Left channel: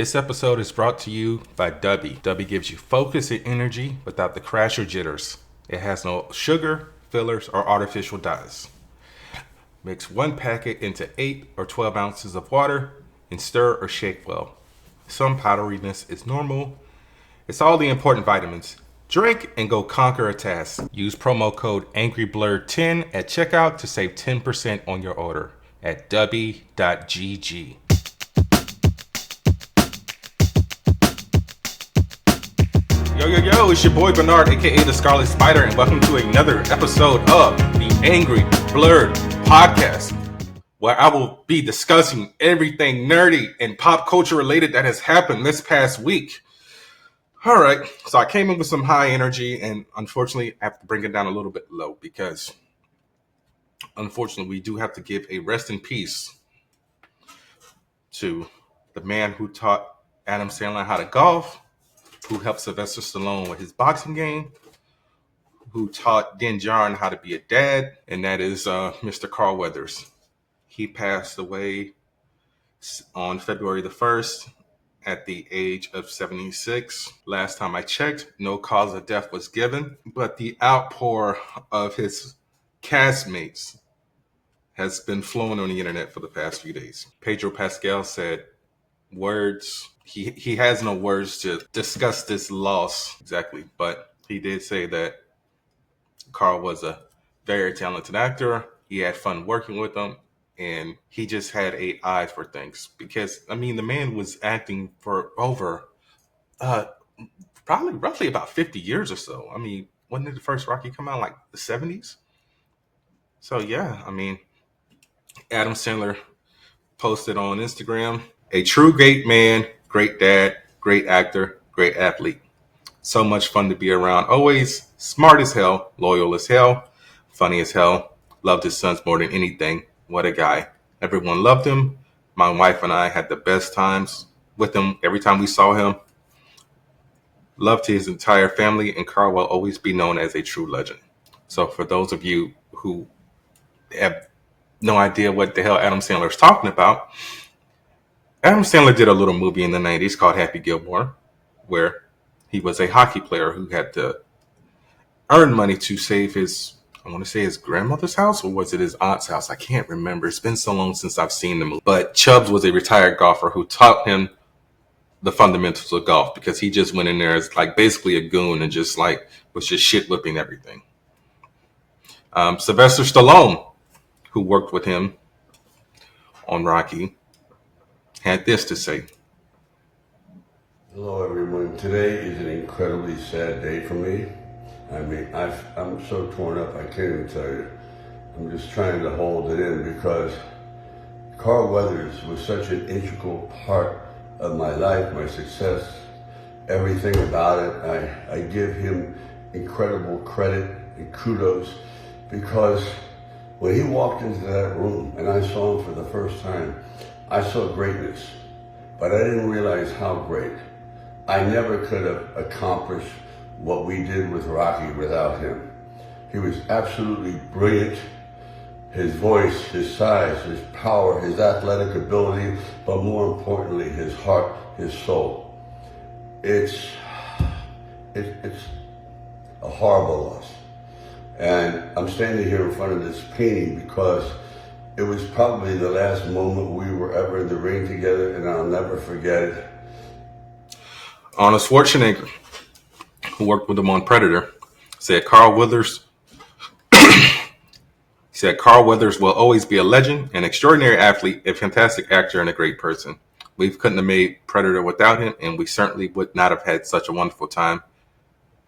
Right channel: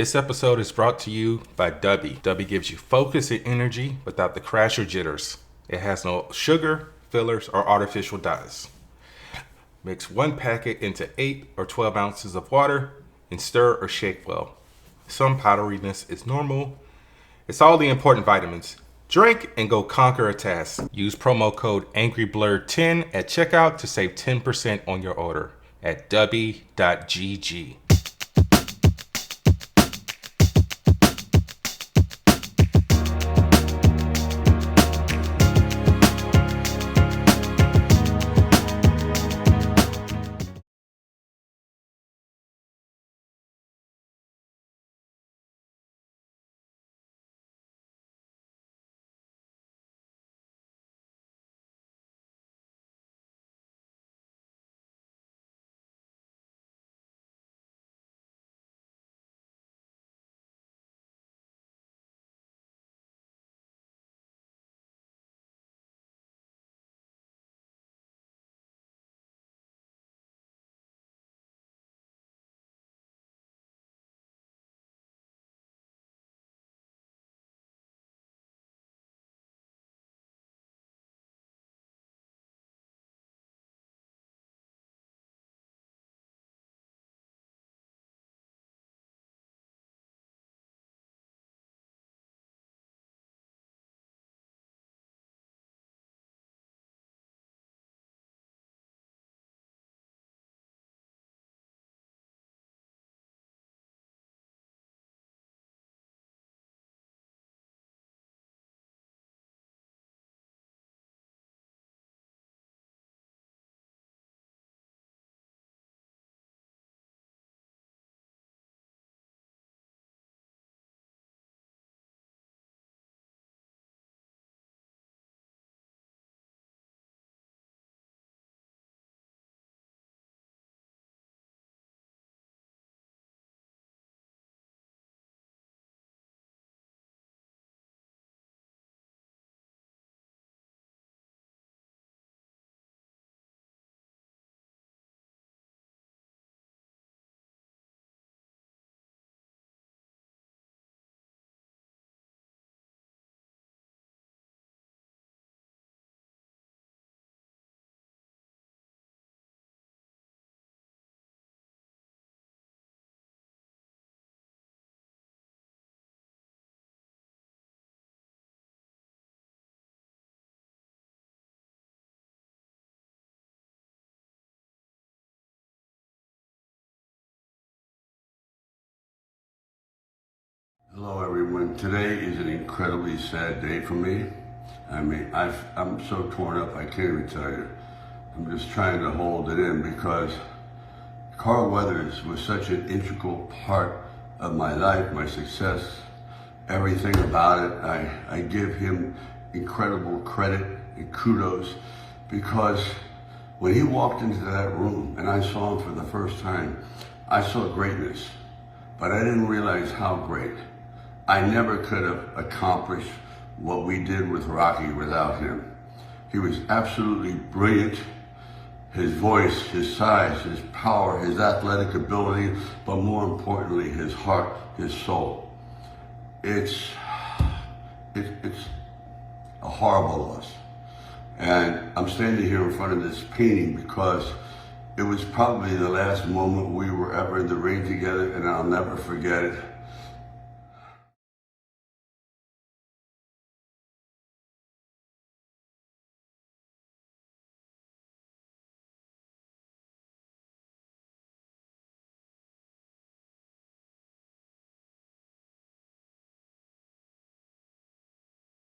This episode is brought to you by Dubby. Dubby gives you focus and energy without the crash or jitters. It has no sugar, fillers, or artificial dyes. Mix one packet into 8 or 12 ounces of water and stir or shake well. Some powderiness is normal. It's all the important vitamins. Drink and go conquer a task. Use promo code Angry Blerd 10 at checkout to save 10% on your order at dubby.gg. Yo, it's your boy Burnard, aka the Scarlet Spider, and welcome to another episode of the Angry Blerd podcast, where I will be discussing everything nerdy and pop culture related that has happened this past week. All right, so I came in with some high energy, and unfortunately, I have to bring it down a little bit low because, unfortunately, we do have to give a rest in peace to the man who taught Adam Sandler how to golf, who helped Sylvester Stallone with his boxing game, who taught Din Djarin how to be a dad, and that is Mr. Carl Weathers. He passed away on February the 1st at the age of 76. Last time I checked, no cause of death was given, but the outpour of his castmates has been flowing on the internet for the past few days. Pedro Pascal said words. He has no words to discuss this loss exactly, but he did say that Carl was a very talented actor. He had fun working with him, and he just had 8 eyes for things. Because, I mean, the man was acting for over, probably roughly about 50 years or so. I mean, when did the first Rocky come out? Like the 70s? So, yeah, I mean, Adam Sandler posted on Instagram, a true great man, great dad, great actor, great athlete. So much fun to be around. Always smart as hell, loyal as hell, funny as hell. Loved his sons more than anything. What a guy. Everyone loved him. My wife and I had the best times with him every time we saw him. Loved his entire family, and Carl will always be known as a true legend. So for those of you who have no idea what the hell Adam Sandler is talking about, Adam Sandler did a little movie in the 90s called Happy Gilmore, where he was a hockey player who had to earn money to save his, I want to say his grandmother's house, or was it his aunt's house? I can't remember. It's been so long since I've seen the movie. But Chubbs was a retired golfer who taught him the fundamentals of golf because he just went in there as like basically a goon and just like was just shit whipping everything. Sylvester Stallone, who worked with him on Rocky, had this to say. Hello, everyone. Today is an incredibly sad day for me. I mean, I'm so torn up, I can't even tell you. I'm just trying to hold it in because Carl Weathers was such an integral part of my life, my success, everything about it. I give him incredible credit and kudos because when he walked into that room and I saw him for the first time, I saw greatness, but I didn't realize how great. I never could have accomplished what we did with Rocky without him. He was absolutely brilliant. His voice, his size, his power, his athletic ability, but more importantly, his heart, his soul. It's a horrible loss. And I'm standing here in front of this painting because it was probably the last moment we were ever in the ring together, and I'll never forget it. Arnold Schwarzenegger, who worked with him on Predator, said Carl Weathers will always be a legend, an extraordinary athlete, a fantastic actor, and a great person. We couldn't have made Predator without him, and we certainly would not have had such a wonderful time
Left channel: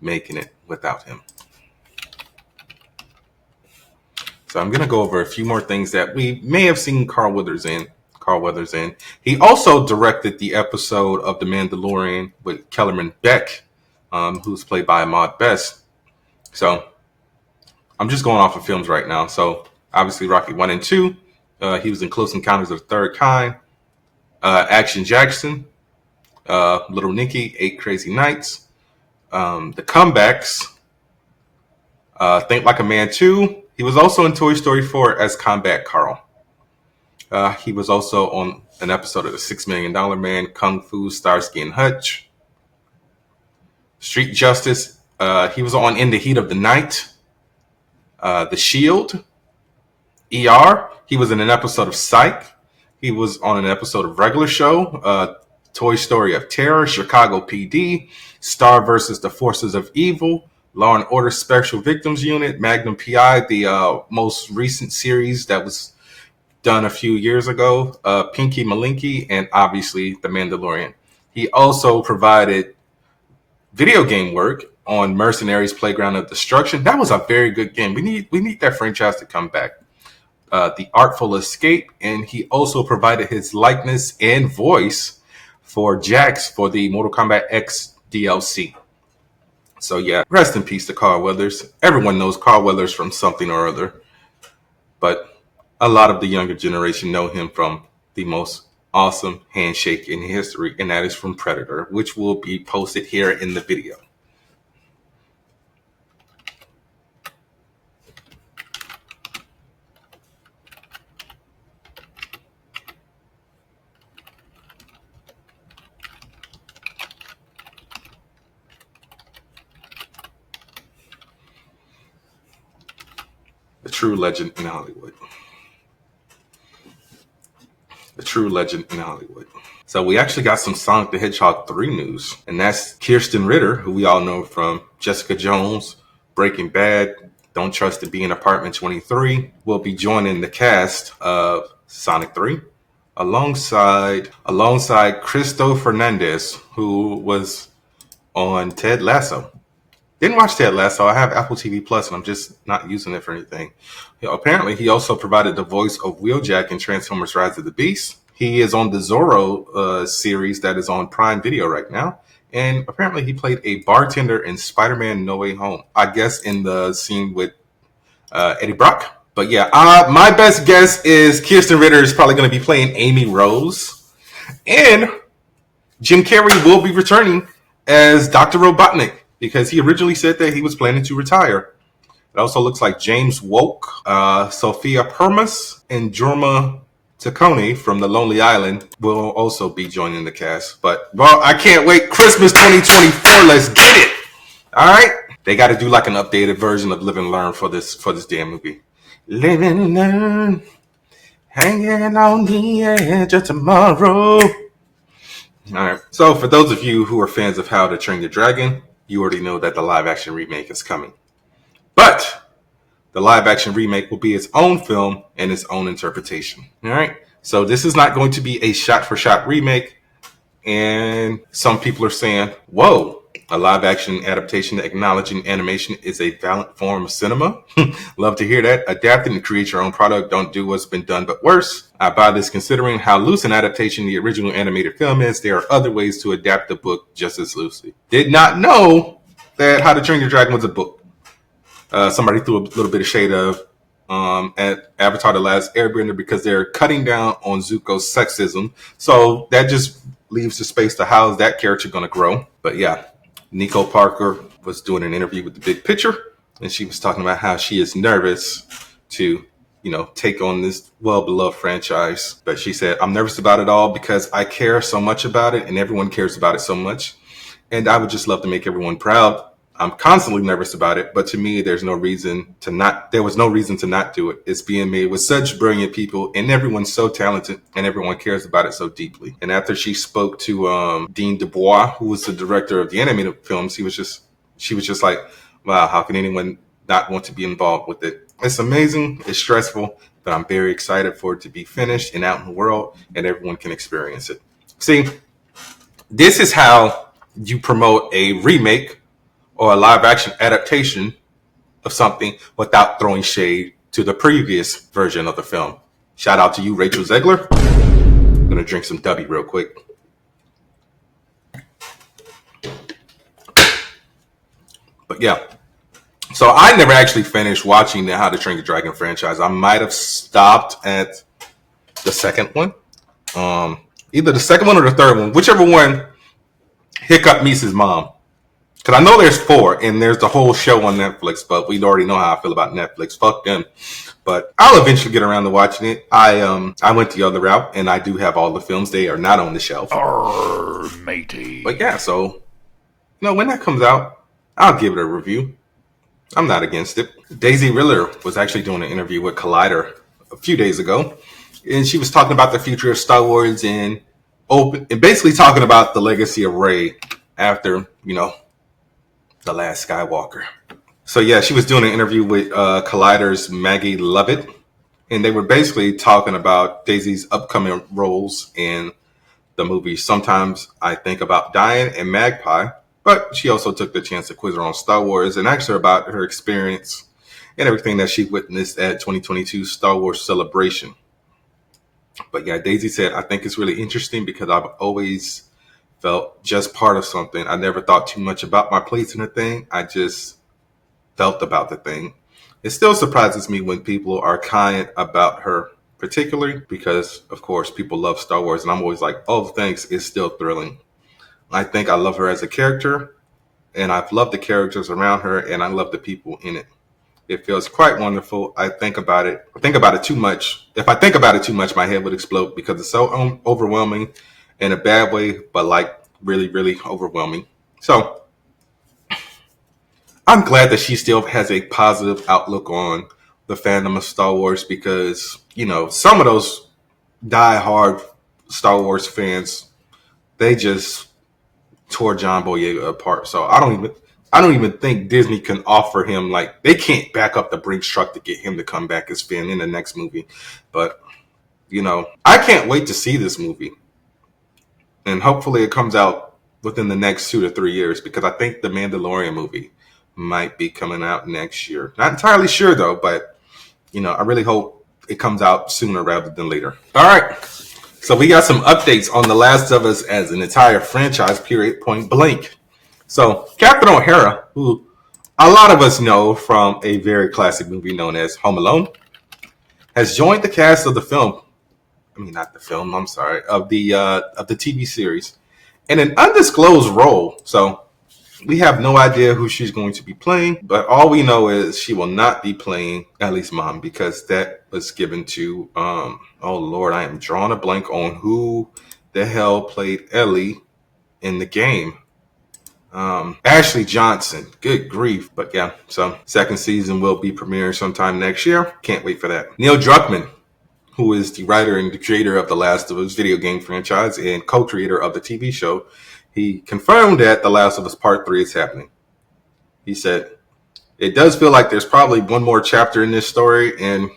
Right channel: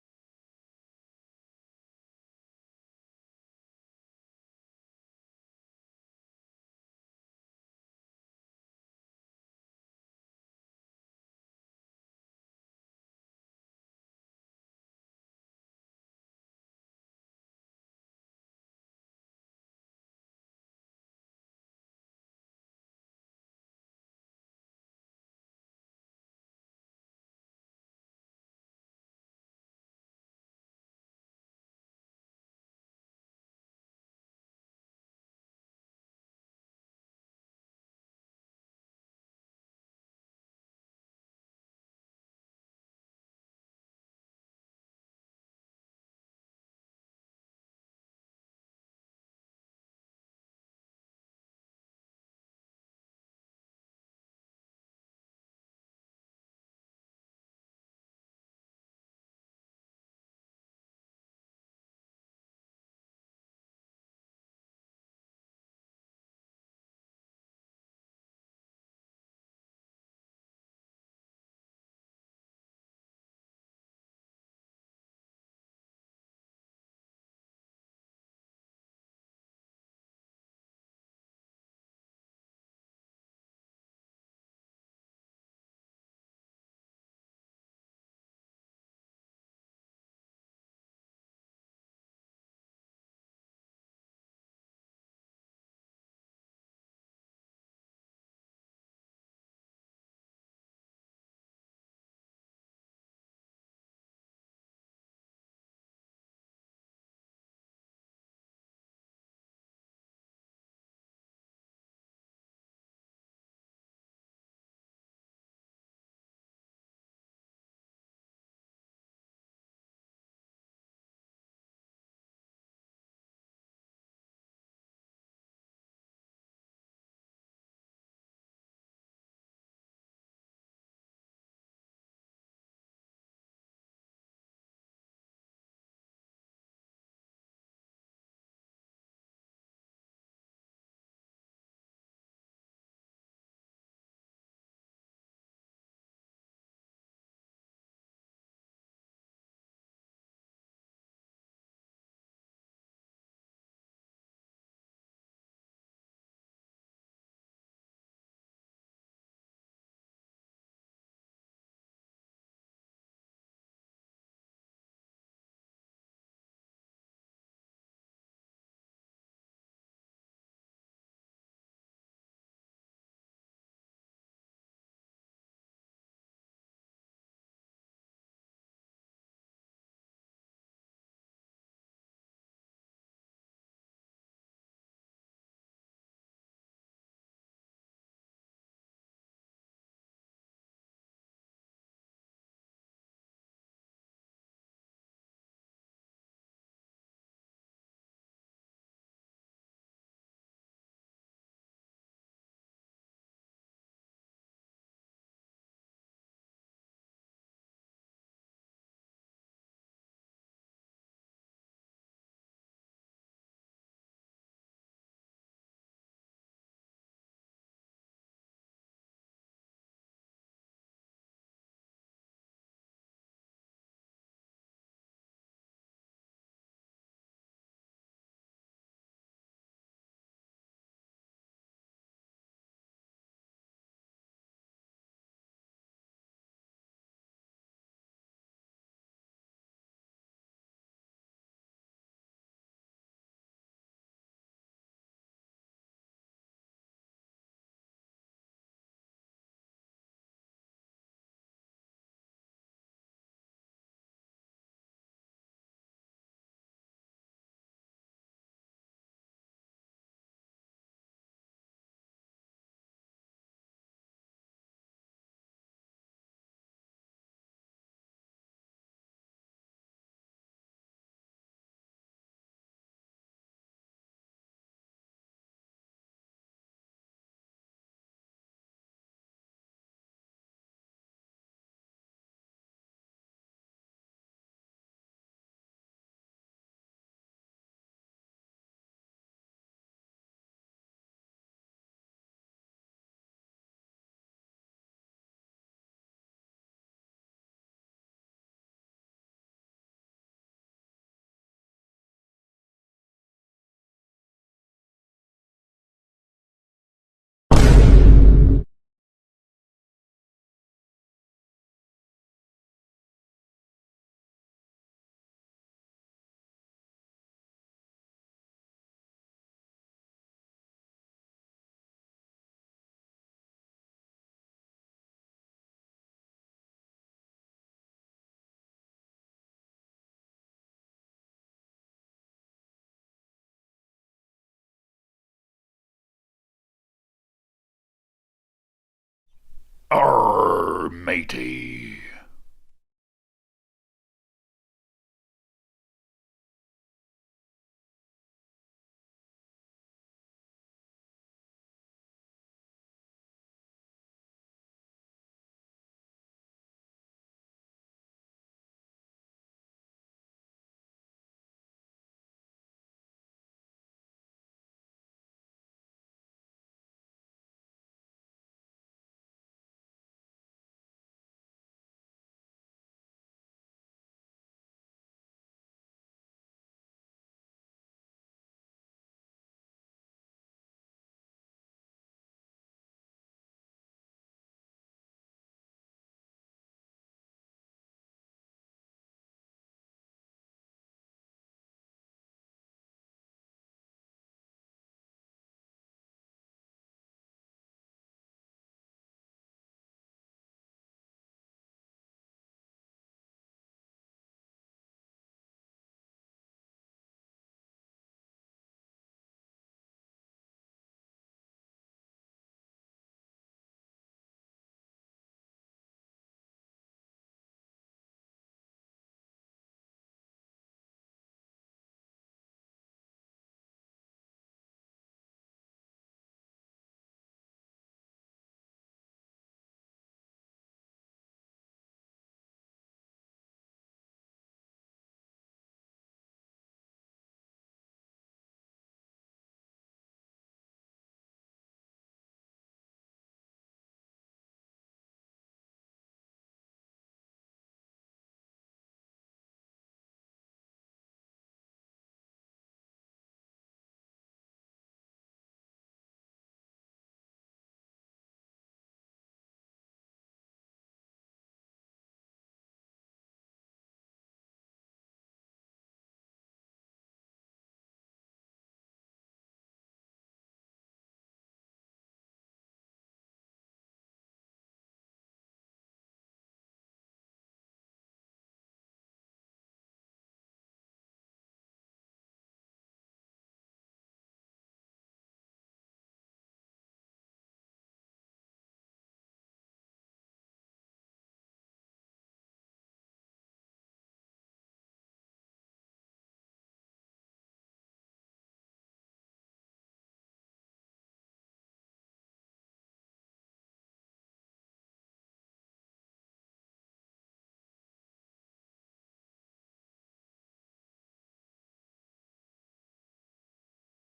making it without him. So I'm going to go over a few more things that we may have seen Carl Weathers in. He also directed the episode of The Mandalorian with Kellerman Beck, who's played by Ahmad Best. So I'm just going off of films right now. So obviously Rocky 1 and 2. He was in Close Encounters of the Third Kind. Action Jackson. Little Nicky, 8 Crazy Nights. The Comebacks. Think Like a Man 2. He was also in Toy Story 4 as Combat Carl. He was also on an episode of the $6 Million Man, Kung Fu, Starsky and Hutch. Street Justice, he was on In the Heat of the Night. The Shield. ER, he was in an episode of Psych. He was on an episode of Regular Show, Toy Story of Terror, Chicago PD, Star versus the Forces of Evil, Law and Order Special Victims Unit, Magnum PI, the most recent series that was done a few years ago, Pinky Malinky, and obviously The Mandalorian. He also provided video game work on Mercenaries Playground of Destruction. That was a very good game. We need that franchise to come back. The Artful Escape, and he also provided his likeness and voice for Jax for the Mortal Kombat X DLC. So yeah, rest in peace to Carl Weathers. Everyone knows Carl Weathers from something or other, but a lot of the younger generation know him from the most awesome handshake in history, and that is from Predator, which will be posted here in the video. The true legend in Hollywood. The true legend in Hollywood. So we actually got some Sonic the Hedgehog 3 news, and that's Kirsten Ritter, who we all know from Jessica Jones, Breaking Bad, Don't Trust to Be in Apartment 23, will be joining the cast of Sonic 3 alongside Cristo Fernandez, who was on Ted Lasso. Didn't watch Ted Lasso. I have Apple TV Plus, and I'm just not using it for anything. Apparently, he also provided the voice of Wheeljack in Transformers: Rise of the Beast. He is on the Zorro series that is on Prime Video right now. And apparently, he played a bartender in Spider-Man: No Way Home. I guess in the scene with Eddie Brock. But yeah, my best guess is Kirsten Ritter is probably going to be playing Amy Rose. And Jim Carrey will be returning as Dr. Robotnik, because he originally said that he was planning to retire. It also looks like James Woke, Sophia Permas, and Jorma Taccone from The Lonely Island will also be joining the cast. But, well, I can't wait. Christmas 2024, let's get it. All right? They got to do like an updated version of Live and Learn for this damn movie. Live and learn, hanging on the edge of tomorrow. All right. So for those of you who are fans of How to Train Your Dragon, you already know that the live-action remake is coming. But the live-action remake will be its own film and its own interpretation. All right? So this is not going to be a shot-for-shot remake. And some people are saying, whoa, a live-action adaptation acknowledging animation is a valid form of cinema. Love to hear that. Adapt and create your own product. Don't do what's been done but worse. I buy this considering how loose an adaptation the original animated film is. There are other ways to adapt the book just as loosely. Did not know that How to Train Your Dragon was a book. Somebody threw a little bit of shade of at Avatar: The Last Airbender because they're cutting down on Zuko's sexism. So that just leaves the space to how is that character going to grow. But yeah, Nico Parker was doing an interview with The Big Picture, and she was talking about how she is nervous to, take on this well-beloved franchise. But she said, I'm nervous about it all because I care so much about it, and everyone cares about it so much. And I would just love to make everyone proud. I'm constantly nervous about it, but to me, there was no reason to not do it. It's being made with such brilliant people, and everyone's so talented, and everyone cares about it so deeply. And after she spoke to Dean Dubois, who was the director of the animated films, she was just like, wow, how can anyone not want to be involved with it? It's amazing, it's stressful, but I'm very excited for it to be finished and out in the world, and everyone can experience it. See, this is how you promote a remake or a live-action adaptation of something without throwing shade to the previous version of the film. Shout out to you, Rachel Zegler. I'm going to drink some W real quick. But yeah. So I never actually finished watching the How to Train Your Dragon franchise. I might have stopped at the second one. Either the second one or the third one. Whichever one, Hiccup meets his mom. Because I know there's 4, and there's the whole show on Netflix, but we already know how I feel about Netflix. Fuck them. But I'll eventually get around to watching it. I went the other route, and I do have all the films. They are not on the shelf. Arr, matey. But yeah, so when that comes out, I'll give it a review. I'm not against it. Daisy Ridley was actually doing an interview with Collider a few days ago, and she was talking about the future of Star Wars and basically talking about the legacy of Rey after, the last Skywalker. So yeah, she was doing an interview with Collider's Maggie Lovett, and they were basically talking about Daisy's upcoming roles in the movie Sometimes I Think About Dying and Magpie. But she also took the chance to quiz her on Star Wars and ask her about her experience and everything that she witnessed at 2022 Star Wars Celebration. But yeah, Daisy said, I think it's really interesting because I've always felt just part of something. I never thought too much about my place in a thing. I just felt about the thing. It still surprises me when people are kind about her, particularly because, of course, people love Star Wars. And I'm always like, oh, thanks. It's still thrilling. I think I love her as a character, and I've loved the characters around her, and I love the people in it. It feels quite wonderful. I think about it too much. If I think about it too much, my head would explode because it's so overwhelming in a bad way, but like really, really overwhelming. So I'm glad that she still has a positive outlook on the fandom of Star Wars because, some of those die-hard Star Wars fans, they just tore John Boyega apart. So I don't even think Disney can offer him, like, they can't back up the Brinks truck to get him to come back as Finn in the next movie. But, I can't wait to see this movie. And hopefully it comes out within the next 2 to 3 years because I think the Mandalorian movie might be coming out next year. Not entirely sure though, but, I really hope it comes out sooner rather than later. All right. So we got some updates on The Last of Us as an entire franchise, period, point blank. So Captain O'Hara, who a lot of us know from a very classic movie known as Home Alone, has joined the cast of the film. Not the film, I'm sorry, of the TV series in an undisclosed role. So we have no idea who she's going to be playing, but all we know is she will not be playing Ellie's mom because that was given to, oh Lord, I am drawing a blank on who the hell played Ellie in the game. Ashley Johnson, good grief. But yeah, so second season will be premiering sometime next year. Can't wait for that. Neil Druckmann, who is the writer and the creator of the Last of Us video game franchise and co-creator of the TV show, he confirmed that The Last of Us Part 3 is happening. He said, it does feel like there's probably one more chapter in this story, and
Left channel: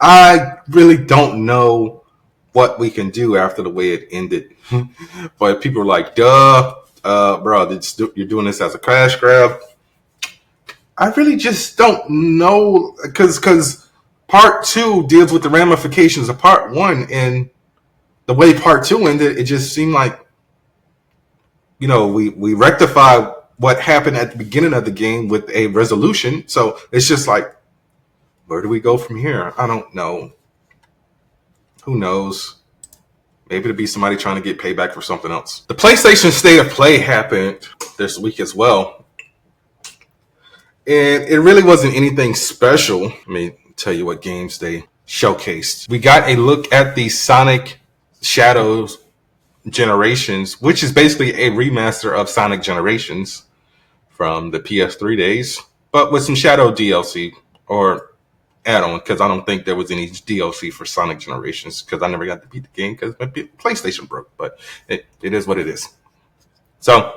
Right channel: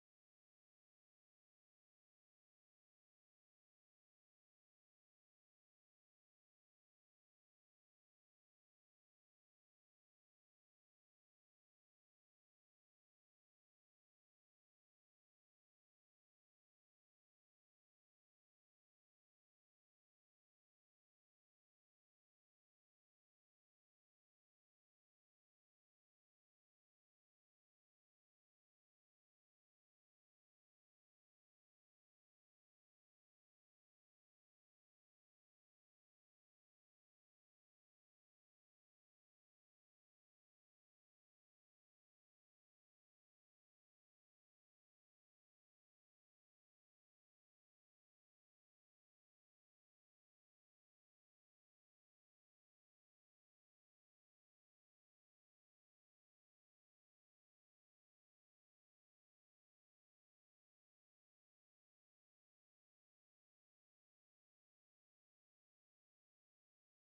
I really don't know what we can do after the way it ended. But people are like, duh, bro, you're doing this as a cash grab. I really just don't know, because Part 2 deals with the ramifications of Part 1, and the way Part 2 ended, it just seemed like, we rectified what happened at the beginning of the game with a resolution. So it's just like, where do we go from here? I don't know. Who knows? Maybe it'll be somebody trying to get payback for something else. The PlayStation State of Play happened this week as well. And it really wasn't anything special. Let me tell you what games they showcased. We got a look at the Sonic Shadows Generations, which is basically a remaster of Sonic Generations from the PS3 days, but with some Shadow DLC or add-on, because I don't think there was any DLC for Sonic Generations because I never got to beat the game because my PlayStation broke, but it is what it is. So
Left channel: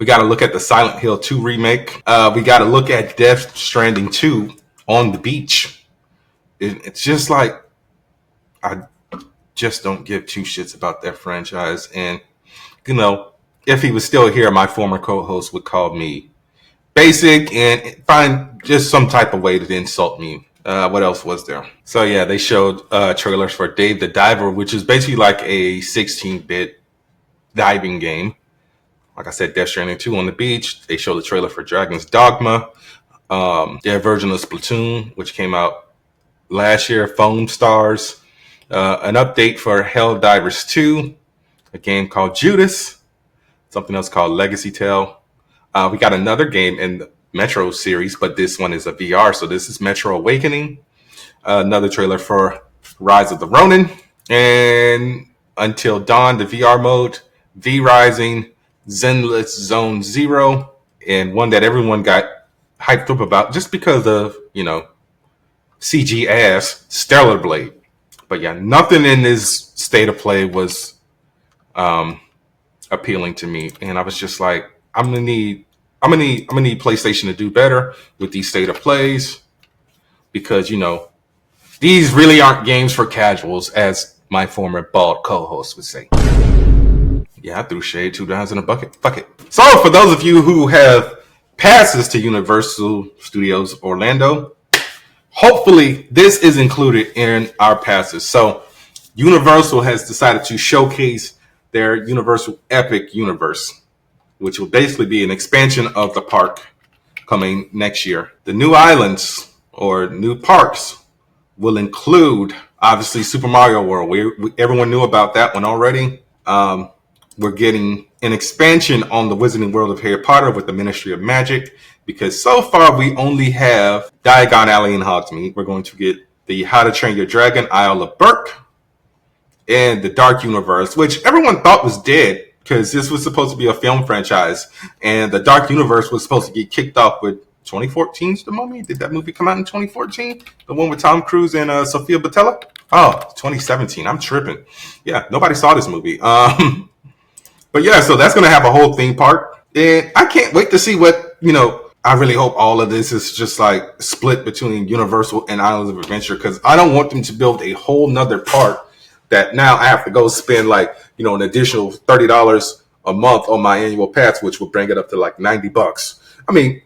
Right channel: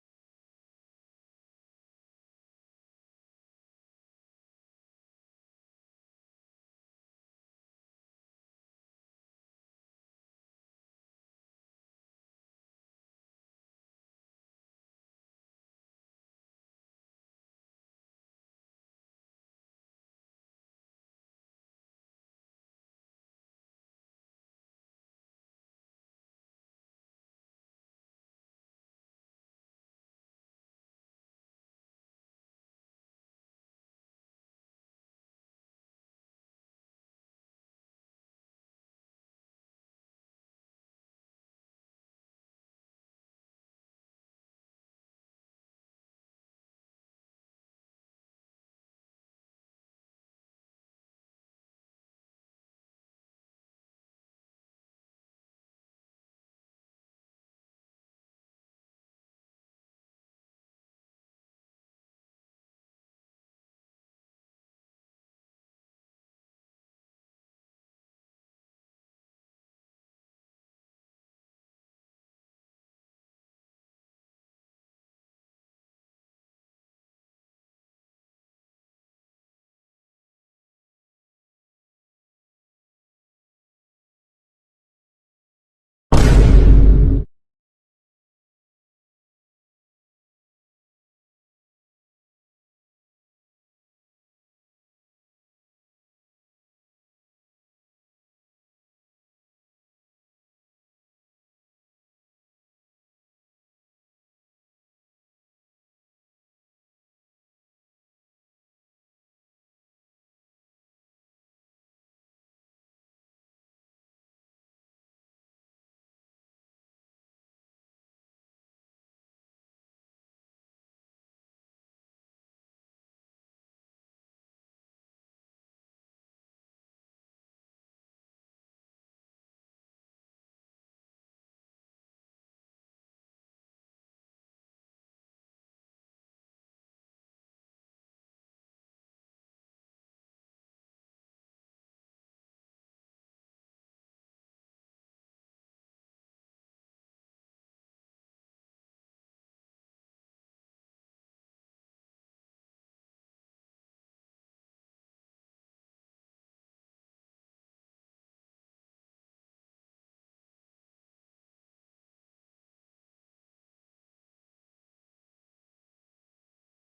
we got to look at the Silent Hill 2 remake. We got to look at Death Stranding 2 on the beach. It's just like, I just don't give two shits about that franchise. And, if he was still here, my former co-host would call me basic and find just some type of way to insult me. What else was there? So yeah, they showed trailers for Dave the Diver, which is basically like a 16-bit diving game. Like I said, Death Stranding 2 on the beach. They showed the trailer for Dragon's Dogma, their version of Splatoon, which came out last year, Foam Stars, an update for Helldivers 2, a game called Judas, something else called Legacy Tale. We got another game in the Metro series, but this one is a VR. So this is Metro Awakening. Another trailer for Rise of the Ronin. And Until Dawn, the VR mode. V Rising, Zenless Zone Zero. And one that everyone got hyped up about just because of, CG ass, Stellar Blade. But yeah, nothing in this state of play was appealing to me. And I was just like, I'm gonna need PlayStation to do better with these state of plays because these really aren't games for casuals, as my former bald co-host would say. Yeah, I threw shade 2 times in a bucket. Fuck it. So for those of you who have passes to Universal Studios Orlando, hopefully this is included in our passes. So Universal has decided to showcase their Universal Epic Universe, which will basically be an expansion of the park coming next year. The new islands or new parks will include, obviously, Super Mario World. Everyone knew about that one already. We're getting an expansion on the Wizarding World of Harry Potter with the Ministry of Magic, because so far we only have Diagon Alley and Hogsmeade. We're going to get the How to Train Your Dragon, Isle of Berk, and the Dark Universe, which everyone thought was dead because this was supposed to be a film franchise, and the Dark Universe was supposed to get kicked off with 2014's The Mummy. Did that movie come out in 2014? The one with Tom Cruise and Sofia Boutella? Oh, 2017. I'm tripping. Yeah, nobody saw this movie. But yeah, so that's going to have a whole theme park. And I can't wait to see what, I really hope all of this is just like split between Universal and Islands of Adventure, because I don't want them to build a whole nother park that now I have to go spend like, an additional $30 a month on my annual pass, which will bring it up to like $90. I mean,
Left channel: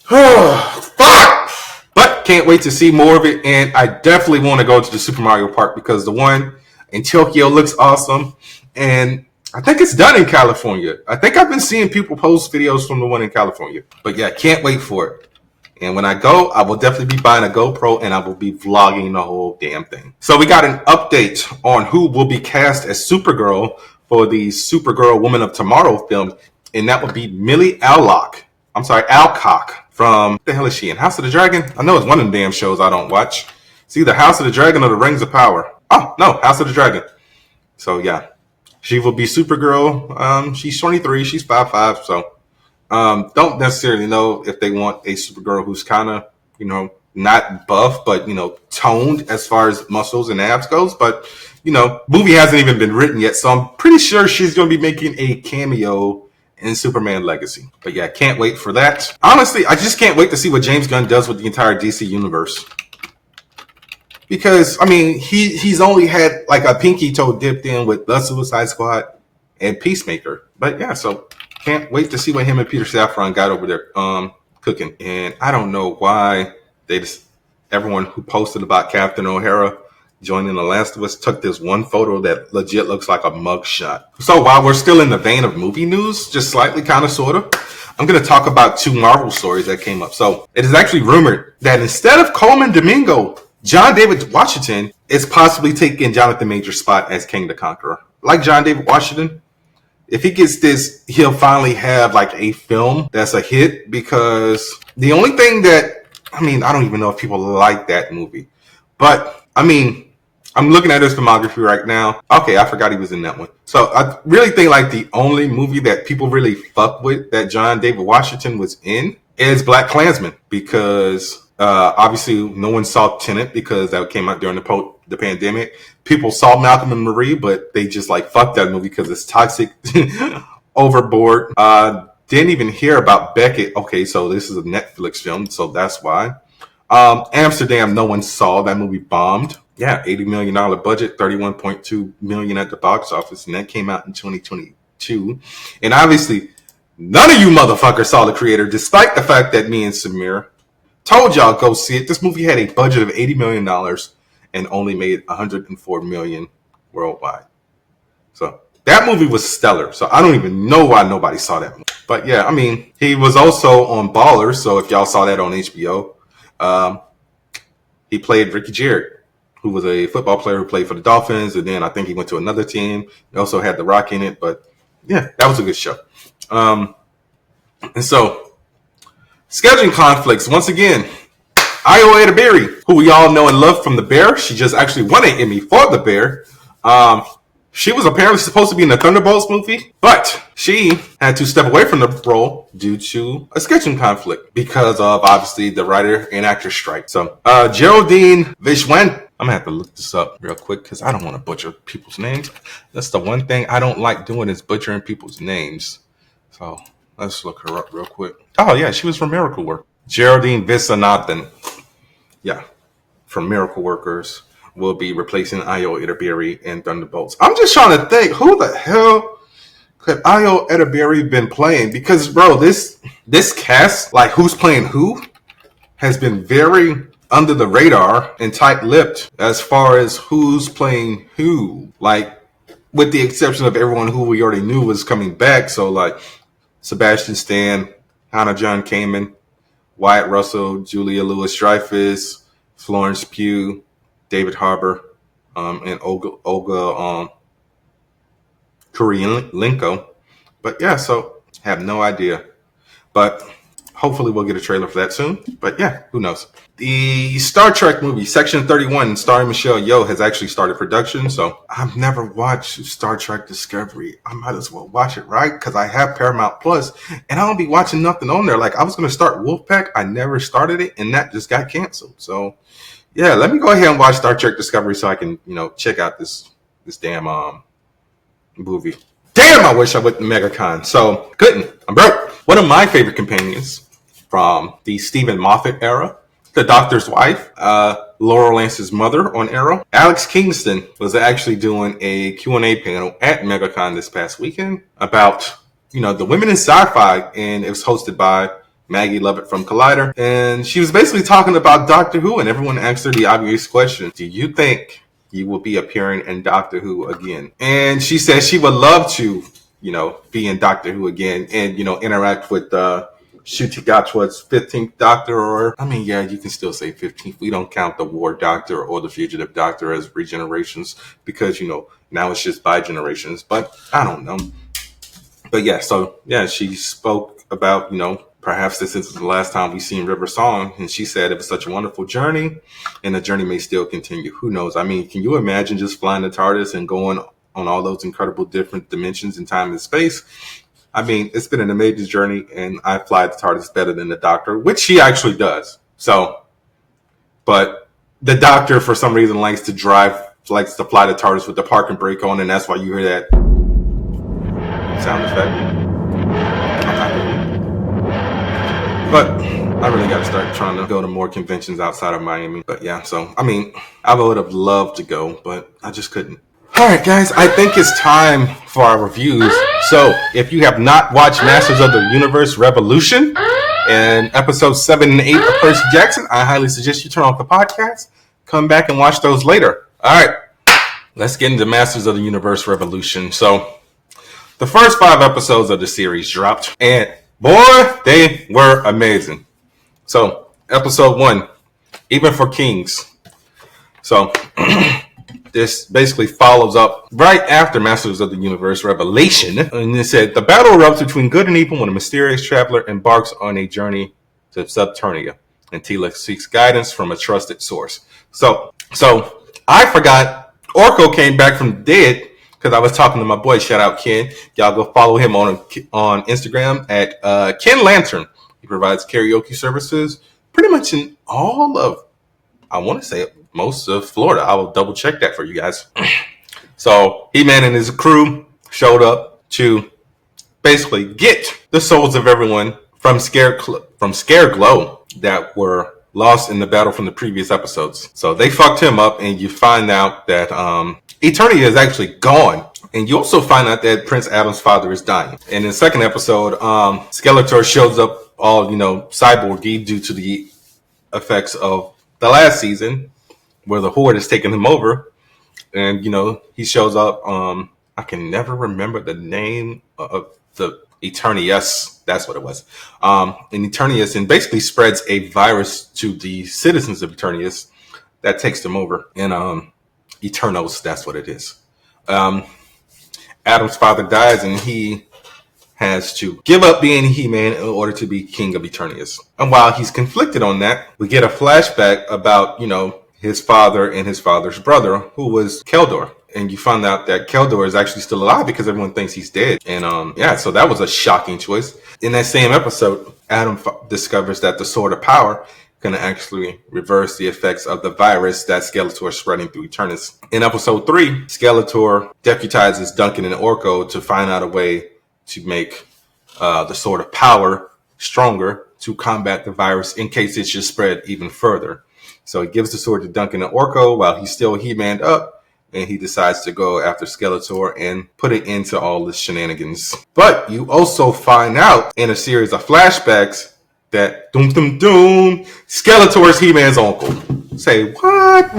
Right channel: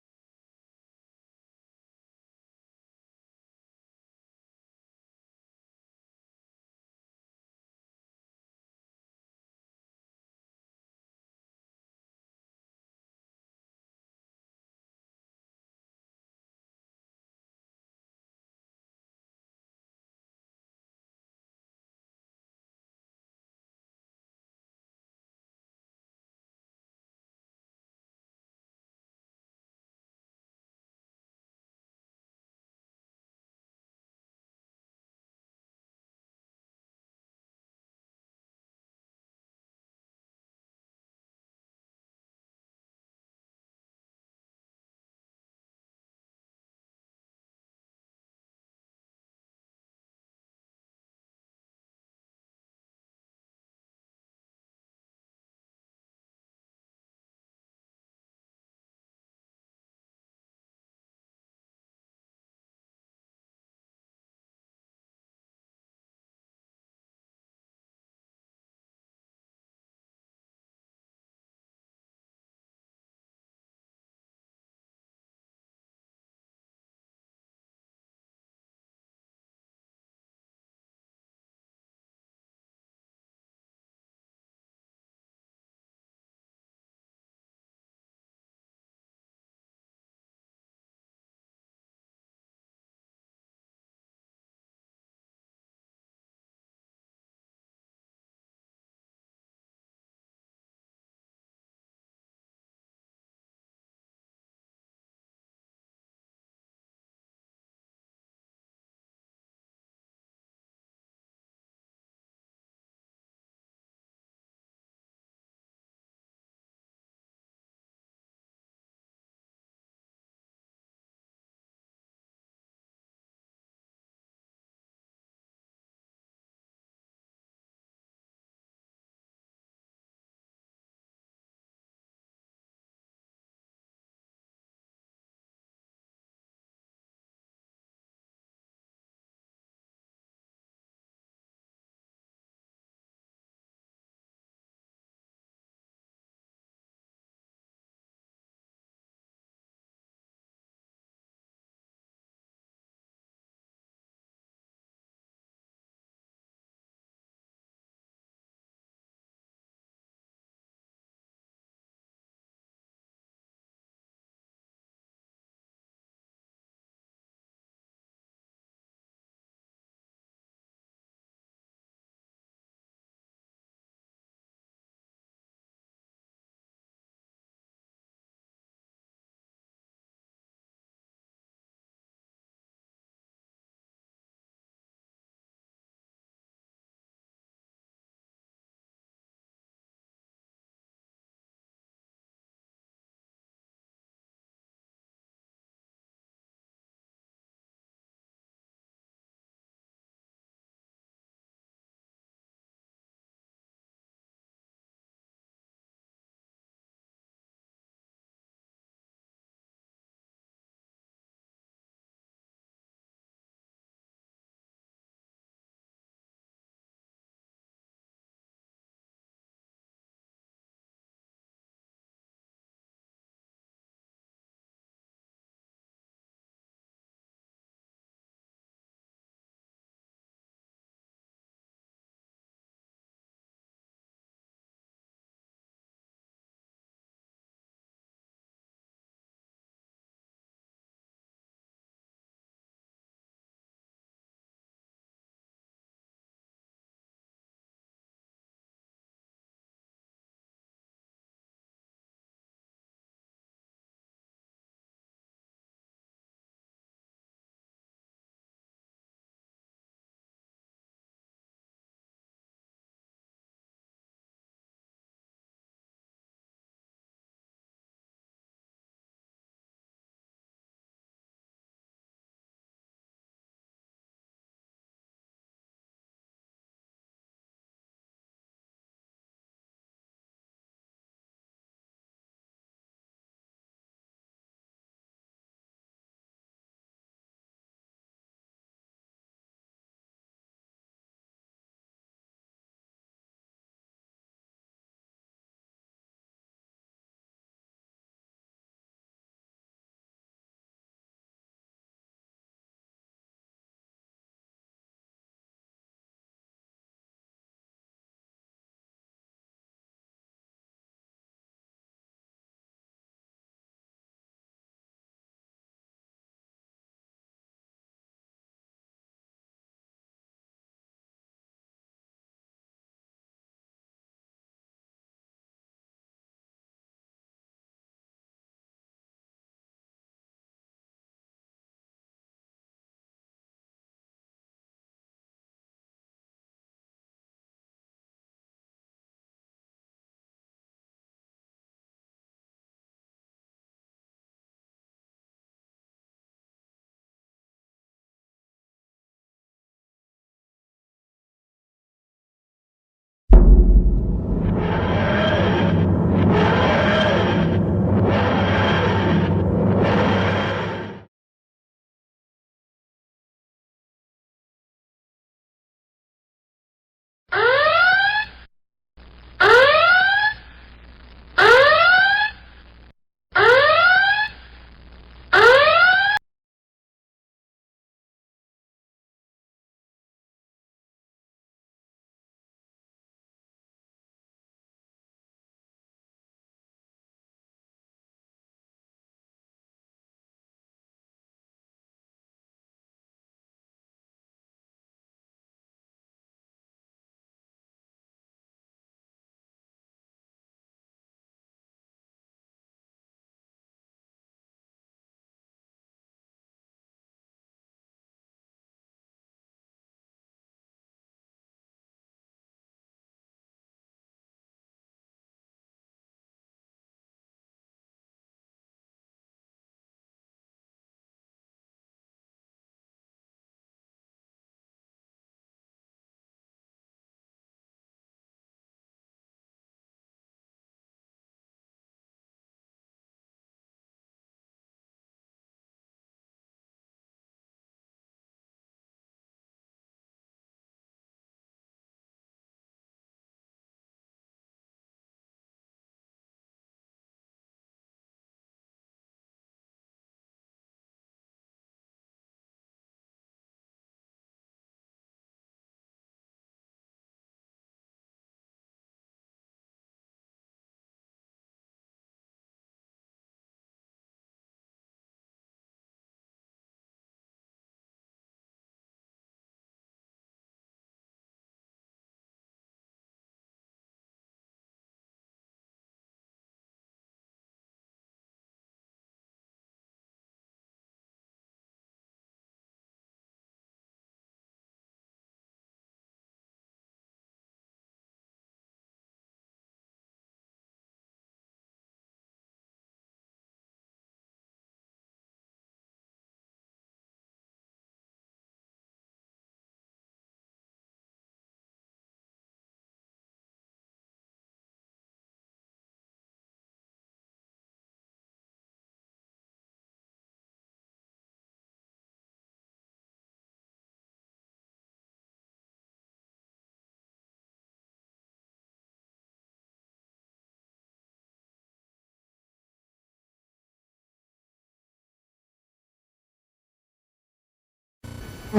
fuck! But can't wait to see more of it. And I definitely want to go to the Super Mario Park because the one in Tokyo looks awesome. And I think it's done in California. I think I've been seeing people post videos from the one in California. But yeah, can't wait for it. And when I go, I will definitely be buying a GoPro and I will be vlogging the whole damn thing. So we got an update on who will be cast as Supergirl for the Supergirl Woman of Tomorrow film. And that would be Millie Alcock from, what the hell is she in? House of the Dragon? I know it's one of them damn shows I don't watch. It's either House of the Dragon or the Rings of Power. Oh, no, House of the Dragon. So yeah. She will be Supergirl. She's 23. She's 5'5". So don't necessarily know if they want a Supergirl who's kind of, not buff, but, toned as far as muscles and abs goes. But, movie hasn't even been written yet. So I'm pretty sure she's going to be making a cameo in Superman Legacy. But yeah, can't wait for that. Honestly, I just can't wait to see what James Gunn does with the entire DC universe. Because, he's only had like a pinky toe dipped in with The Suicide Squad and Peacemaker. But yeah, so can't wait to see what him and Peter Safran got over there cooking. And I don't know why everyone who posted about Captain O'Hara joining The Last of Us took this one photo that legit looks like a mugshot. So while we're still in the vein of movie news, just slightly, kind of, sort of, I'm going to talk about 2 Marvel stories that came up. So it is actually rumored that instead of Coleman Domingo, John David Washington is possibly taking Jonathan Major's spot as King the Conqueror. Like John David Washington, if he gets this, he'll finally have like a film that's a hit, because the only thing that, I don't even know if people like that movie. But, I'm looking at his filmography right now. Okay, I forgot he was in that one. So I really think like the only movie that people really fuck with that John David Washington was in is Black Klansman, because obviously no one saw Tenet because that came out during the pandemic. People saw Malcolm and Marie, but they just like fuck that movie because it's toxic, overboard. Didn't even hear about Beckett. Okay, so this is a Netflix film, so that's why. Amsterdam, no one saw. That movie bombed. Yeah, $80 million budget, $31.2 million at the box office, and that came out in 2022. And obviously, none of you motherfuckers saw The Creator, despite the fact that me and Samir told y'all go see it. This movie had a budget of $80 million and only made $104 million worldwide. So that movie was stellar. So I don't even know why nobody saw that movie. But yeah, he was also on Ballers. So if y'all saw that on HBO, he played Ricky Jarrett, who was a football player who played for the Dolphins. And then I think he went to another team. He also had The Rock in it. But yeah, that was a good show. And so, scheduling conflicts once again. Ayo Edebiri, who we all know and love from The Bear, she just actually won an Emmy for The Bear. She was apparently supposed to be in the Thunderbolts movie, but she had to step away from the role due to a scheduling conflict because of, obviously, the writer and actor strike. So, Geraldine Vishwan, I'm going to have to look this up real quick because I don't want to butcher people's names. That's the one thing I don't like doing is butchering people's names. So, let's look her up real quick. Oh, yeah, she was from Miracle Work. Geraldine Viswanathan. Yeah, from Miracle Workers will be replacing Ayo Edebiri in Thunderbolts. I'm just trying to think, who the hell could Ayo Edebiri been playing? Because, bro, this cast, like who's playing who, has been very under the radar and tight-lipped as far as who's playing who. Like, with the exception of everyone who we already knew was coming back. So, like, Sebastian Stan, Hannah John Kamen, Wyatt Russell, Julia Louis-Dreyfus, Florence Pugh, David Harbour, and Olga Kurylenko. But yeah, so have no idea. But hopefully we'll get a trailer for that soon. But yeah, who knows? The Star Trek movie, Section 31, starring Michelle Yeoh, has actually started production. So I've never watched Star Trek Discovery. I might as well watch it, right? Because I have Paramount Plus, and I don't be watching nothing on there. Like, I was going to start Wolfpack. I never started it, and that just got canceled. So yeah, let me go ahead and watch Star Trek Discovery so I can, check out this damn movie. Damn, I wish I went to MegaCon. So couldn't. I'm broke. One of my favorite companions from the Stephen Moffat era, the Doctor's wife, Laurel Lance's mother on Arrow, Alex Kingston, was actually doing a Q&A panel at MegaCon this past weekend about, the women in sci-fi, and it was hosted by Maggie Lovett from Collider. And she was basically talking about Doctor Who, and everyone asked her the obvious question: do you think you will be appearing in Doctor Who again? And she said she would love to, be in Doctor Who again and, interact with Ncuti Gatwa's 15th Doctor, or, yeah, you can still say 15th. We don't count the War Doctor or the Fugitive Doctor as regenerations because, now it's just by generations. But I don't know. But yeah, so yeah, she spoke about, perhaps this is the last time we've seen River Song. And she said it was such a wonderful journey, and the journey may still continue. Who knows? Can you imagine just flying the TARDIS and going on all those incredible different dimensions in time and space? It's been an amazing journey, and I fly the TARDIS better than the Doctor, which she actually does. So, but the Doctor, for some reason, likes to fly the TARDIS with the parking brake on, and that's why you hear that sound effect. But I really got to start trying to go to more conventions outside of Miami. But yeah, so, I would have loved to go, but I just couldn't. All right, guys, I think it's time for our reviews. So if you have not watched Masters of the Universe Revolution and episodes 7 and 8 of Percy Jackson, I highly suggest you turn off the podcast, come back and watch those later. All right, let's get into Masters of the Universe Revolution. So the first 5 episodes of the series dropped, and boy, they were amazing. So episode 1, Even for Kings. So this basically follows up right after Masters of the Universe Revelation. And it said, the battle erupts between good and evil when a mysterious traveler embarks on a journey to Subternia, and Tila seeks guidance from a trusted source. So I forgot Orko came back from the dead, because I was talking to my boy, shout out Ken. Y'all go follow him on Instagram at Ken Lantern. He provides karaoke services pretty much in all of, I want to say, most of Florida. I will double check that for you guys. So He-Man and his crew showed up to basically get the souls of everyone from Scareglow that were lost in the battle from the previous episodes. So they fucked him up, and you find out that Eternia is actually gone. And you also find out that Prince Adam's father is dying. And in the second episode, Skeletor shows up all, cyborgy due to the effects of the last season, where the Horde has taken him over. And, he shows up. I can never remember the name of the Eternius. That's what it was. And Eternius, and basically spreads a virus to the citizens of Eternius that takes them over. And Eternos, that's what it is. Adam's father dies, and he has to give up being He-Man in order to be King of Eternius. And while he's conflicted on that, we get a flashback about, his father and his father's brother, who was Keldor. And you find out that Keldor is actually still alive because everyone thinks he's dead. And so that was a shocking choice. In that same episode, Adam discovers that the Sword of Power can actually reverse the effects of the virus that Skeletor is spreading through Eternus. In episode 3, Skeletor deputizes Duncan and Orko to find out a way to make the Sword of Power stronger to combat the virus in case it should spread even further. So he gives the sword to Duncan and Orko while he's still He-Manned up, and he decides to go after Skeletor and put it into all the shenanigans. But you also find out in a series of flashbacks that Skeletor is He-Man's uncle. Say, what?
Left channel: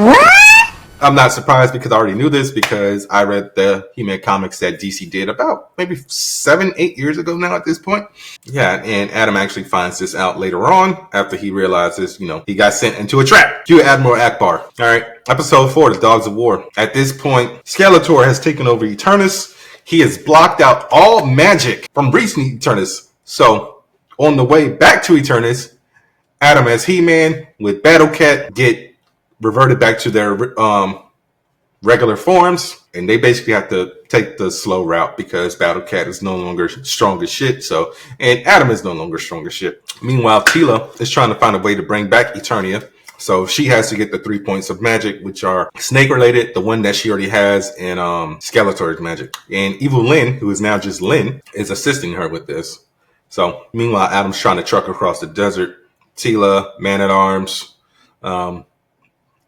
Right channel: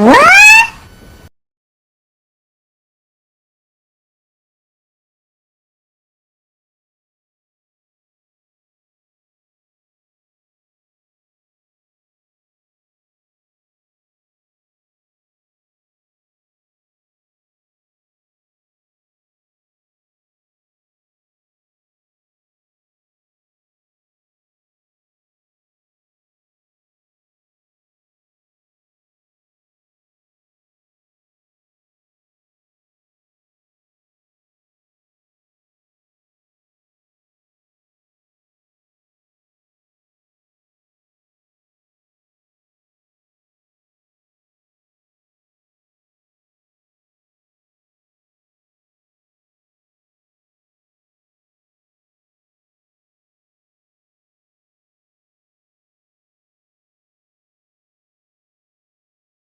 I'm not surprised because I already knew this because I read the He-Man comics that DC did about maybe 7-8 years ago now at this point. Yeah, and Adam actually finds this out later on after he realizes, he got sent into a trap. Cue Admiral Akbar. All right, episode 4, The Dogs of War. At this point, Skeletor has taken over Eternus. He has blocked out all magic from reaching Eternus. So, on the way back to Eternus, Adam as He-Man with Battle Cat get reverted back to their regular forms, and they basically have to take the slow route because Battle Cat is no longer strong as shit. And Adam is no longer strong as shit. Meanwhile, Teela is trying to find a way to bring back Eternia. So she has to get the 3 points of magic, which are snake related, the one that she already has, and Skeletor's magic. And Evil Lyn, who is now just Lyn, is assisting her with this. So meanwhile, Adam's trying to truck across the desert. Teela, Man-at-Arms,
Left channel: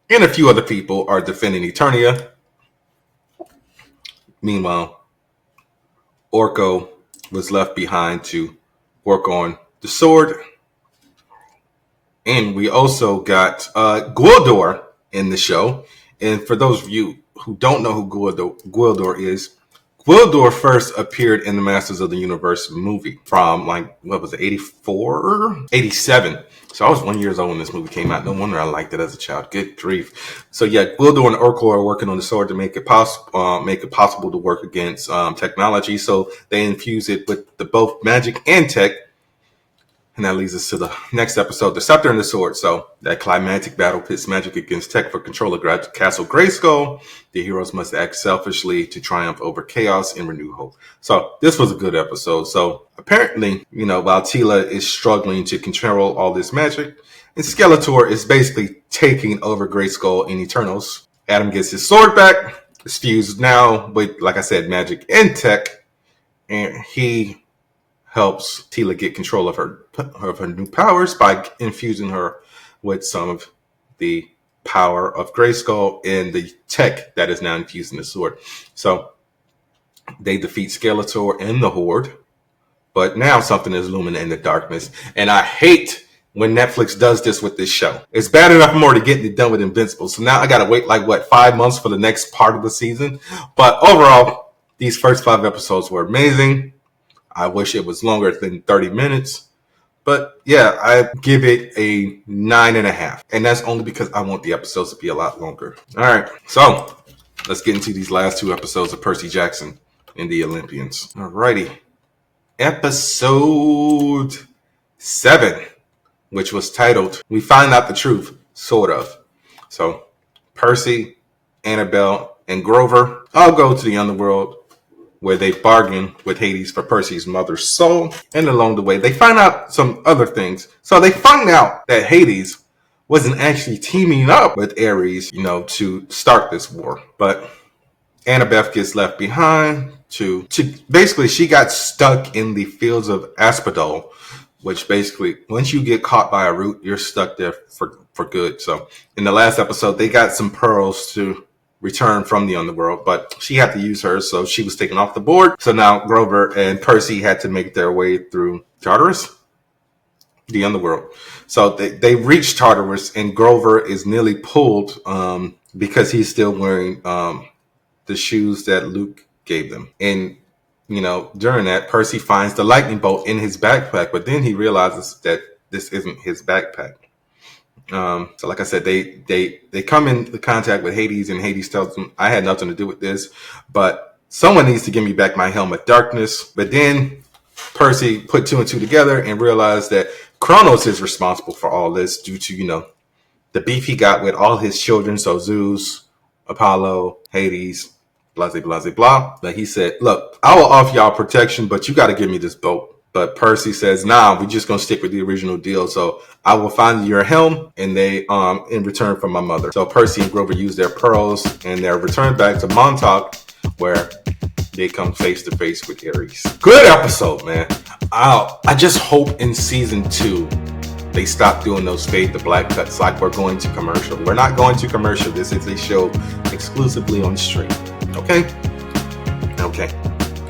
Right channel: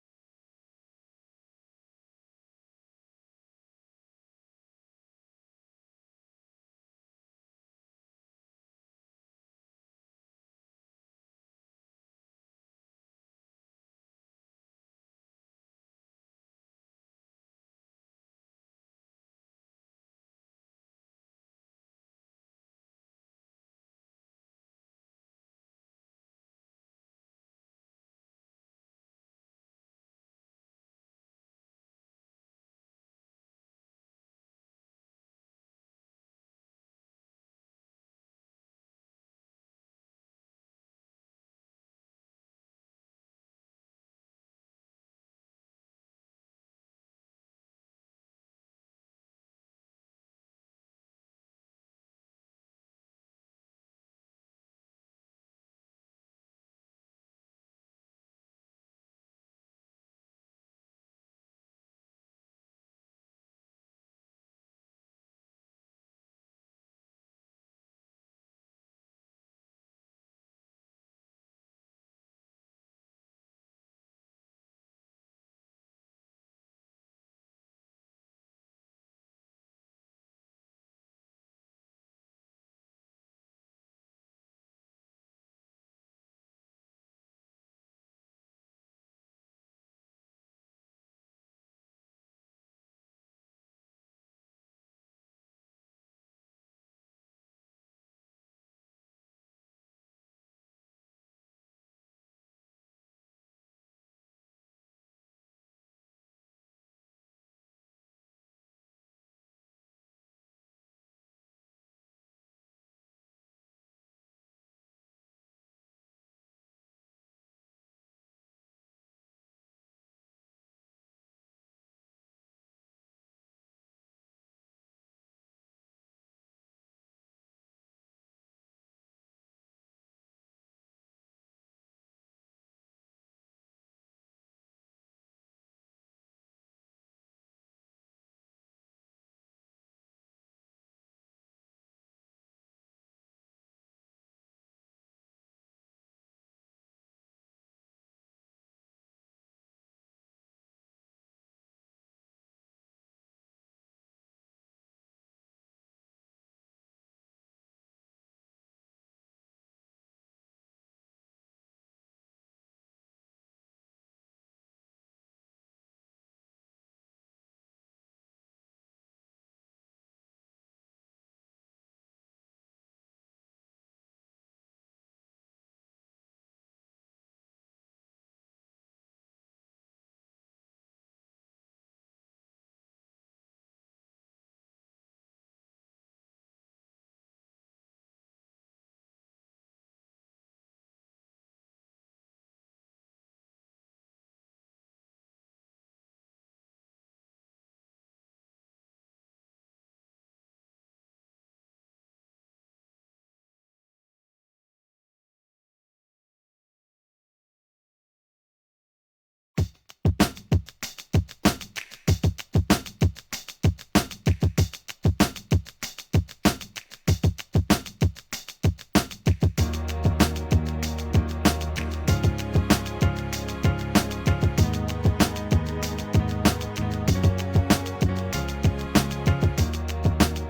and a few other people are defending Eternia. Meanwhile, Orko was left behind to work on the sword. And we also got Gwildor in the show. And for those of you who don't know who Gwildor is, Gwildor first appeared in the Masters of the Universe movie from 84? 87. So I was 1 year old when this movie came out. No wonder I liked it as a child. Good grief. So yeah, Gwildor and Orko are working on the sword to make it possible to work against technology. So they infuse it with both magic and tech. And that leads us to the next episode, The Scepter and the Sword. So that climactic battle pits magic against tech for control of Castle Grayskull. The heroes must act selfishly to triumph over chaos and renew hope. So this was a good episode. So apparently, while Teela is struggling to control all this magic, and Skeletor is basically taking over Grayskull in Eternals. Adam gets his sword back. It's fused now with, like I said, magic and tech. And he helps Teela get control of her new powers by infusing her with some of the power of Grayskull and the tech that is now infused in the sword. So they defeat Skeletor and the Horde, but now something is looming in the darkness. And I hate when Netflix does this with this show. It's bad enough I'm already getting it done with Invincible. So now I got to wait 5 months for the next part of the season. But overall, these first 5 episodes were amazing. I wish it was longer than 30 minutes. But yeah, I give it a 9.5. And that's only because I want the episodes to be a lot longer. All right, so let's get into these last 2 episodes of Percy Jackson and the Olympians. All righty. Episode 7, which was titled, We Find Out the Truth, Sort of. So Percy, Annabelle, and Grover all go to the underworld, where they bargain with Hades for Percy's mother's soul. And along the way, they find out some other things. So they find out that Hades wasn't actually teaming up with Ares, to start this war. But Annabeth gets left behind to basically, she got stuck in the fields of Asphodel, which basically, once you get caught by a root, you're stuck there for good. So in the last episode, they got some pearls to return from the underworld, but she had to use her, so she was taken off the board. So now Grover and Percy had to make their way through Tartarus, the underworld. So they reached Tartarus, and Grover is nearly pulled because he's still wearing the shoes that Luke gave them. And during that, Percy finds the lightning bolt in his backpack, but then he realizes that this isn't his backpack. So like I said, they come into contact with Hades, and Hades tells them, I had nothing to do with this, but Someone needs to give me back my helmet darkness. But then Percy put two and two together and realized that Kronos is responsible for all this due to, the beef he got with all his children. So Zeus, Apollo, Hades, blah, blah, blah, blah. But he said, look, I will offer y'all protection, but you got to give me this boat. But Percy says, nah, we're just going to stick with the original deal. So I will find your helm and they, in return from my mother. So Percy and Grover use their pearls and they're returned back to Montauk where they come face to face with Ares. Good episode, man. I just hope in season 2 they stop doing those fade to black cuts like we're going to commercial. We're not going to commercial. This is a show exclusively on the stream. Okay? Okay.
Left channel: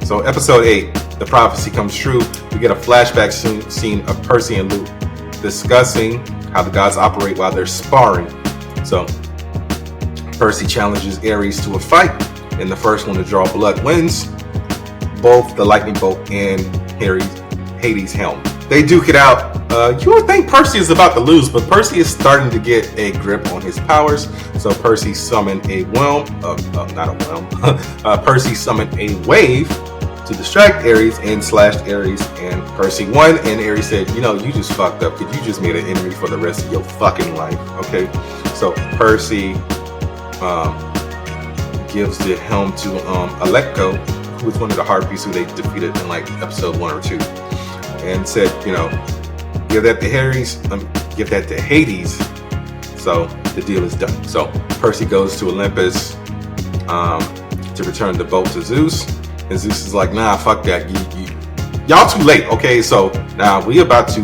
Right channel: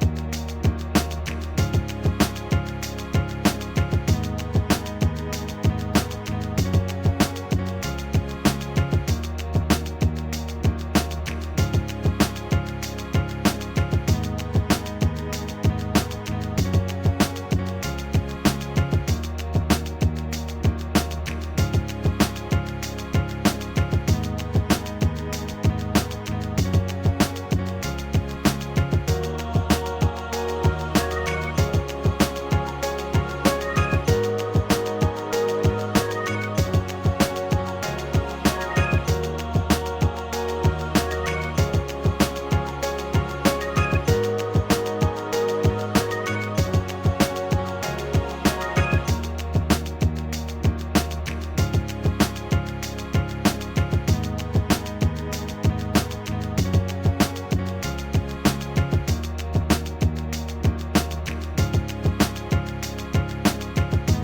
So episode 8, the prophecy comes true. We get a flashback scene of Percy and Luke discussing how the gods operate while they're sparring. So Percy challenges Ares to a fight, and the first one to draw blood wins both the lightning bolt and Hades' helm. They duke it out. You would think Percy is about to lose, but Percy is starting to get a grip on his powers. So Percy summoned a Percy summoned a wave to distract Ares and slashed Ares, and Percy won. And Ares said, you just fucked up because you just made an enemy for the rest of your fucking life. Okay, so Percy gives the helm to Alecto, who was one of the Harpies who they defeated in like episode 1 or 2, and said, give that to give that to Hades. So the deal is done. So Percy goes to Olympus to return the boat to Zeus, and Zeus is like, nah, fuck that. Y'all too late. Okay, so now we about to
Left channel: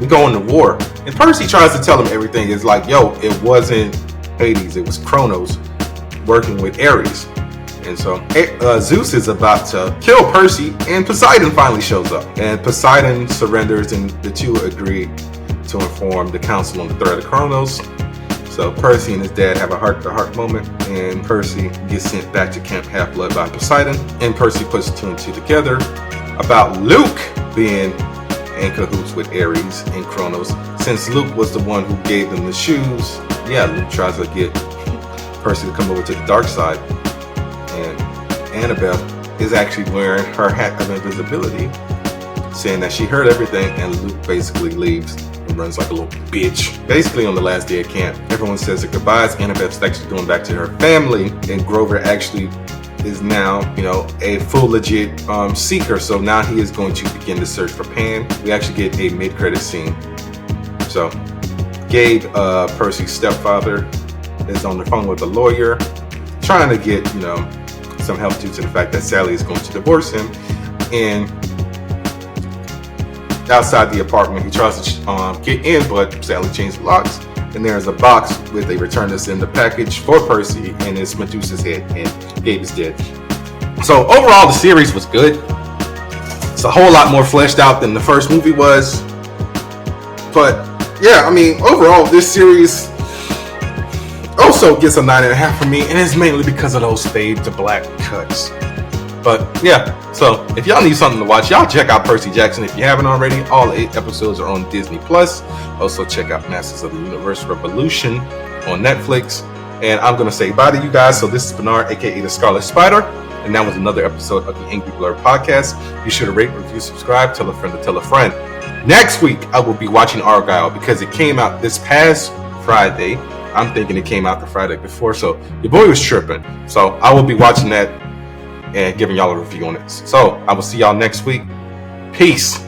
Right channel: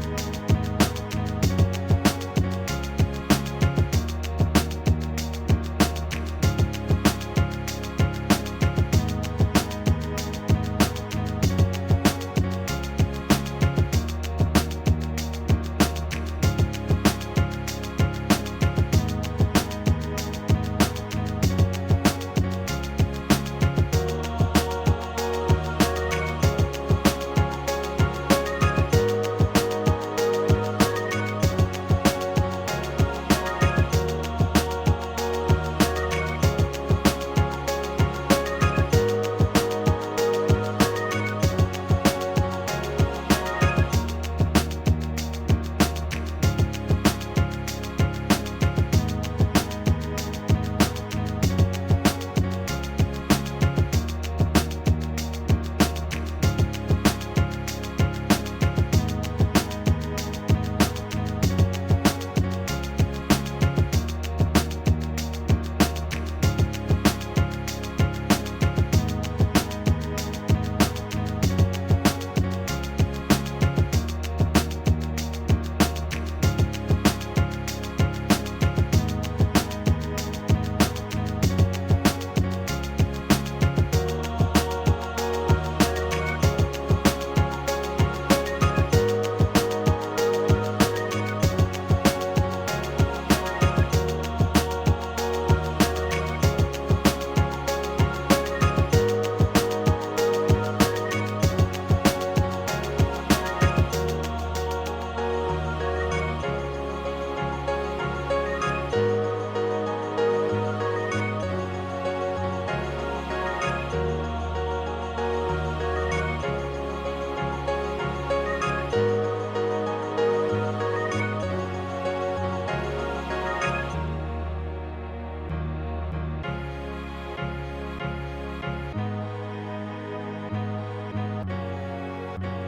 we go into war, and Percy tries to tell him everything. It's like, yo, it wasn't Hades, it was Kronos working with Ares. And so Zeus is about to kill Percy, and Poseidon finally shows up. And Poseidon surrenders, and the two agree to inform the council on the threat of Kronos. So Percy and his dad have a heart-to-heart moment, and Percy gets sent back to Camp Half-Blood by Poseidon. And Percy puts two and two together about Luke being in cahoots with Ares and Kronos. Since Luke was the one who gave them the shoes, Luke tries to get Percy to come over to the dark side. Annabelle is actually wearing her hat of invisibility, saying that she heard everything, and Luke basically leaves and runs like a little bitch. Basically, on the last day of camp, everyone says their goodbyes. Annabelle's actually going back to her family, and Grover actually is now, a full legit seeker. So now he is going to begin the search for Pan. We actually get a mid-credit scene. So Gabe, Percy's stepfather, is on the phone with a lawyer, trying to get, some help due to the fact that Sally is going to divorce him. And outside the apartment, he tries to get in, but Sally changed the locks. And there's a box with a return to sender package for Percy, and it's Medusa's head, and Gabe is dead. So overall, the series was good. It's a whole lot more fleshed out than the first movie was. But yeah, overall, this series also gets a 9.5 from me, and it's mainly because of those fade to black cuts. But yeah, so if y'all need something to watch, y'all check out Percy Jackson if you haven't already. All 8 episodes are on Disney+. Also check out Masters of the Universe Revolution on Netflix. And I'm gonna say bye to you guys. So this is Bernard, aka the Scarlet Spider, and that was another episode of the Angry Blerd podcast. Be sure to rate, review, subscribe, tell a friend to tell a friend. Next week I will be watching Argyle because it came out this past Friday. I'm thinking it came out the Friday before, so your boy was tripping. So I will be watching that and giving y'all a review on it. So I will see y'all next week. Peace.